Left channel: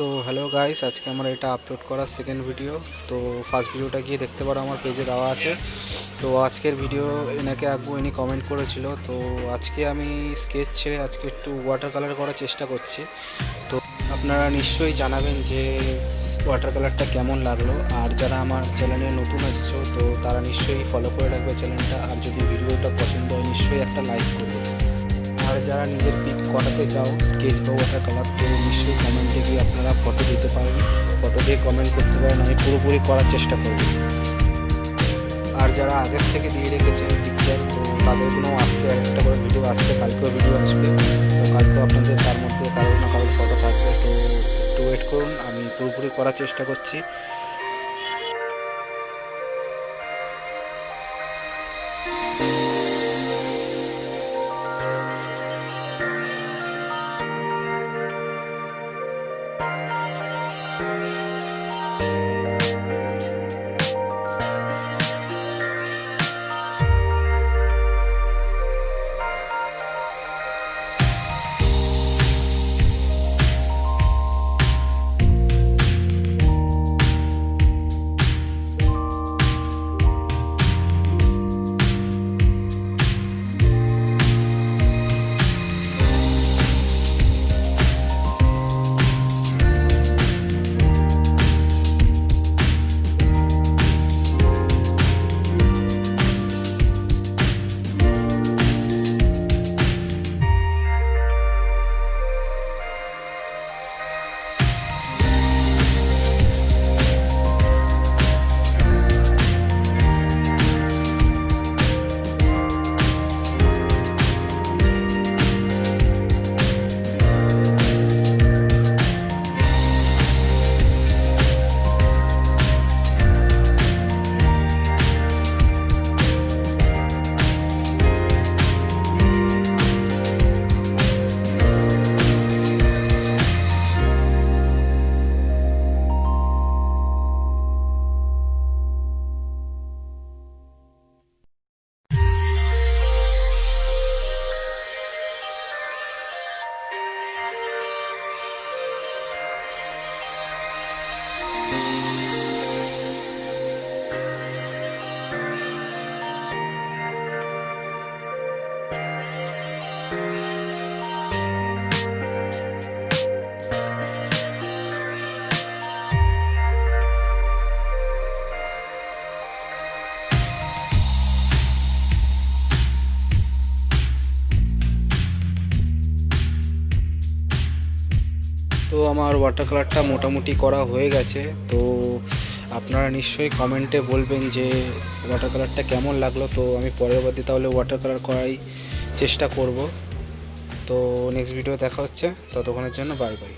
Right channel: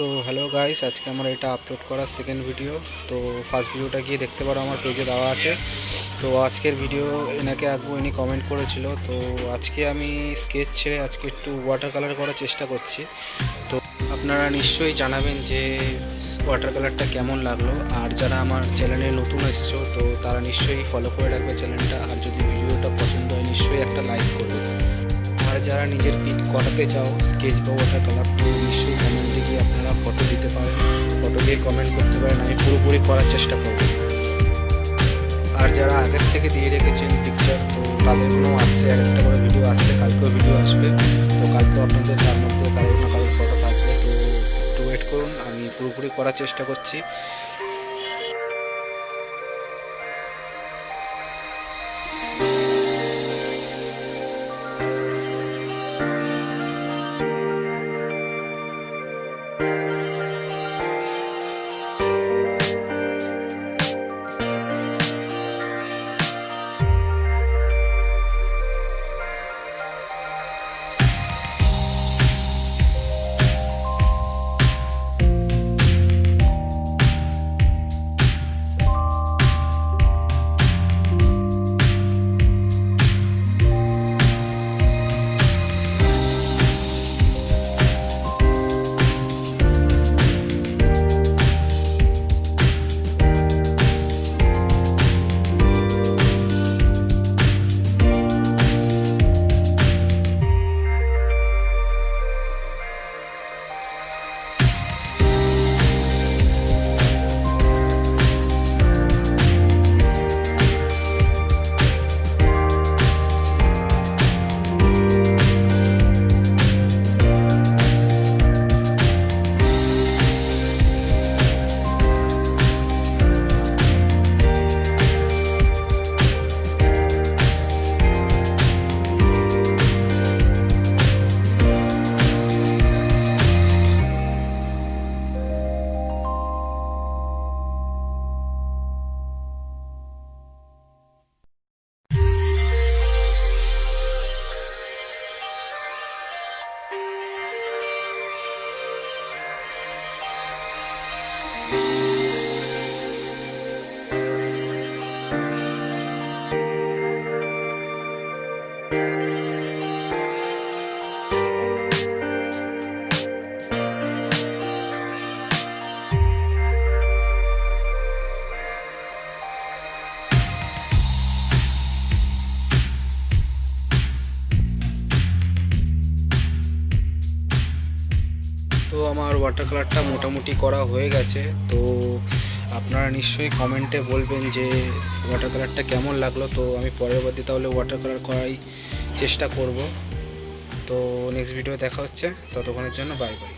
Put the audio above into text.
তো hello guys, আজকে আমার এটা আপলোড করার সেকেন্ড ভিডিও। তো ফার্স্ট ভিডিওটা গিয়ে দেখতে পারো, আমার পেজে দেওয়া আছে। তো আজকের ভিডিও এনাকে আঁকবো, ইনি কমেন্ট করেছিল। তো আজকে আমি স্কেচ ছেড়ে আজকে একটু ওয়াটার কালার করার চেষ্টা করছি। তো আপনারা নিশ্চয়ই জানাবেন যে ওয়াটার কালারটা কেমন লাগলো। আর যারা আমার চ্যানেলে নতুন এসছো তো তারা নিশ্চয়ই ফলো করে রাখবে চ্যানেলটা। আর যদি ভিডিওটা পছন্দ হয় নিশ্চয়ই একটা লাইক করবে। আর যারা নিজের পিক করাতে চাও স্কেচ বা ওয়াটার কালার, তো নিশ্চয়ই কমেন্টে গিয়ে আপনারা ফটো দিতে পারেন, ফটো দিয়ে কমেন্ট করতে পারেন, আমি পুরোপুরি করার চেষ্টা করব। আর যারা আগের থেকে দিয়ে রেখেছেন পিকচার, তো তাদের কোনো আসছে, আর একটা করে ভিডিও আসছে, কালকেও ভিডিও আসবে। তো কালকেও আপনাদের তার মধ্যে কারোর না কারোর ফটো থাকবে। তো একটু ওয়েট করুন, আমি পুরোপুরি করার চেষ্টা করছি। তো আমার ওয়াটার কালারটা মোটামুটি করা হয়ে গেছে। তো আপনারা নিশ্চয়ই কমেন্টে বলবেন যে ওয়াটার কালারটা কেমন লাগলো। তো আমি পরবর্তী তাহলে ওয়াটার কালার করাই চেষ্টা করব। তো নেক্সট ভিডিও দেখা হচ্ছে, ততক্ষণের জন্য বাই বাই।